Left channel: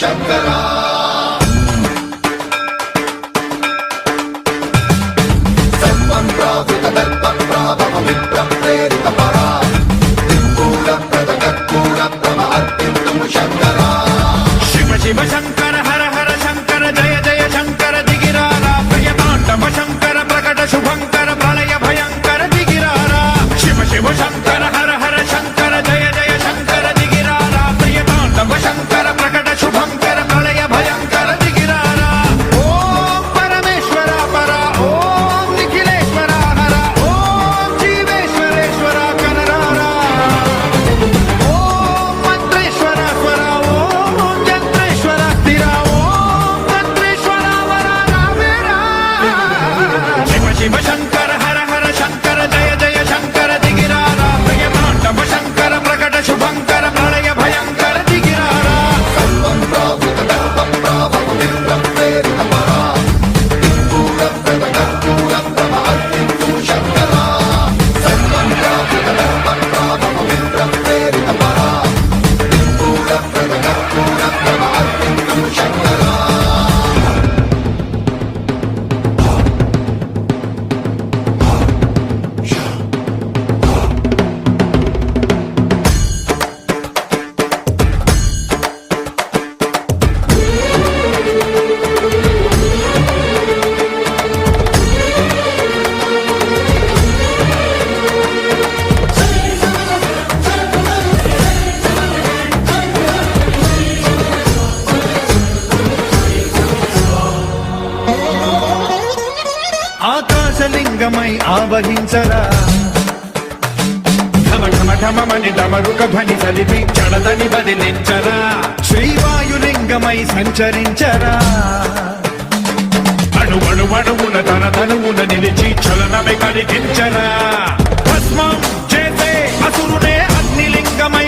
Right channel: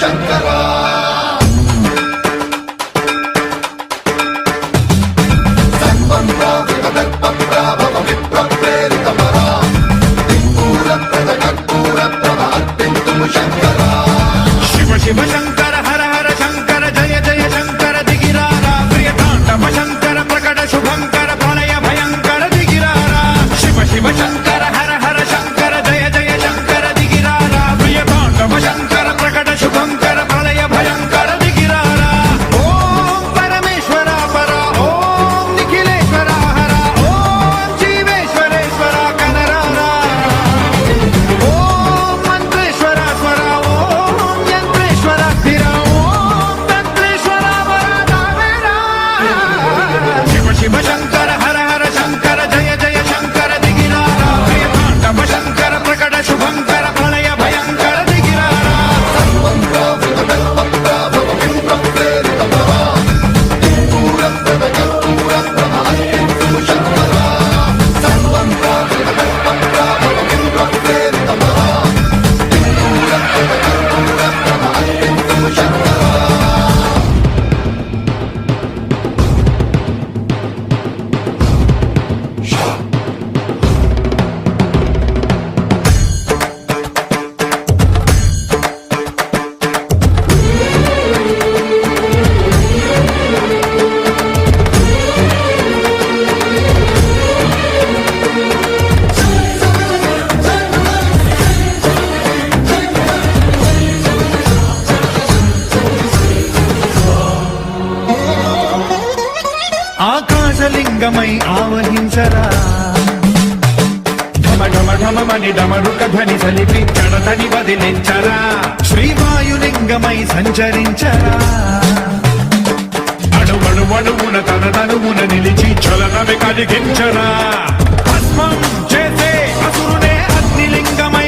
శంకరా శివ శివ శంకర హర హర శంకర జయ జయ శంకర దిగిరారా ప్రియతాండవ శంకర ప్రకట శుభంకర ప్రళయ భయంకర దిగిరారా శివ శివ శంకర హర హర శంకర జయ జయ శంకర దిగిరారా ప్రియతాండవ శంకర ప్రకట శుభంకర ప్రళయ భయంకర దిగిరారా ఓం పరమేశ్వర పర ఓం నిఖిలేశ్వర హర ఓం జీవేశ్వరేశ్వర కనరారా ఓం మంత్రేశ్వర స్వర ఓం యంత్రేశ్వర స్థిర ఓం తంత్రేశ్వర వర రామేరా శివ శివ శంకర హర హర శంకర జయ జయ శంకర దిగిరారా ప్రియతాండవ శంకర ప్రకట శుభంకర ప్రళయ భయంకర దిగిరారా ఆకాశలింగమై ఆవహించరా ఢమ ఢమ ఢమమని డమరుక ధ్వని సలిపి జడదని బదిలించరా శ్రీవాయులింగమై సంచరించరా అణువణువున తన తనువున నిలిచి చలనమే కలిగించరా భస్మం చేసే అసురునే అగ్నిలింగమై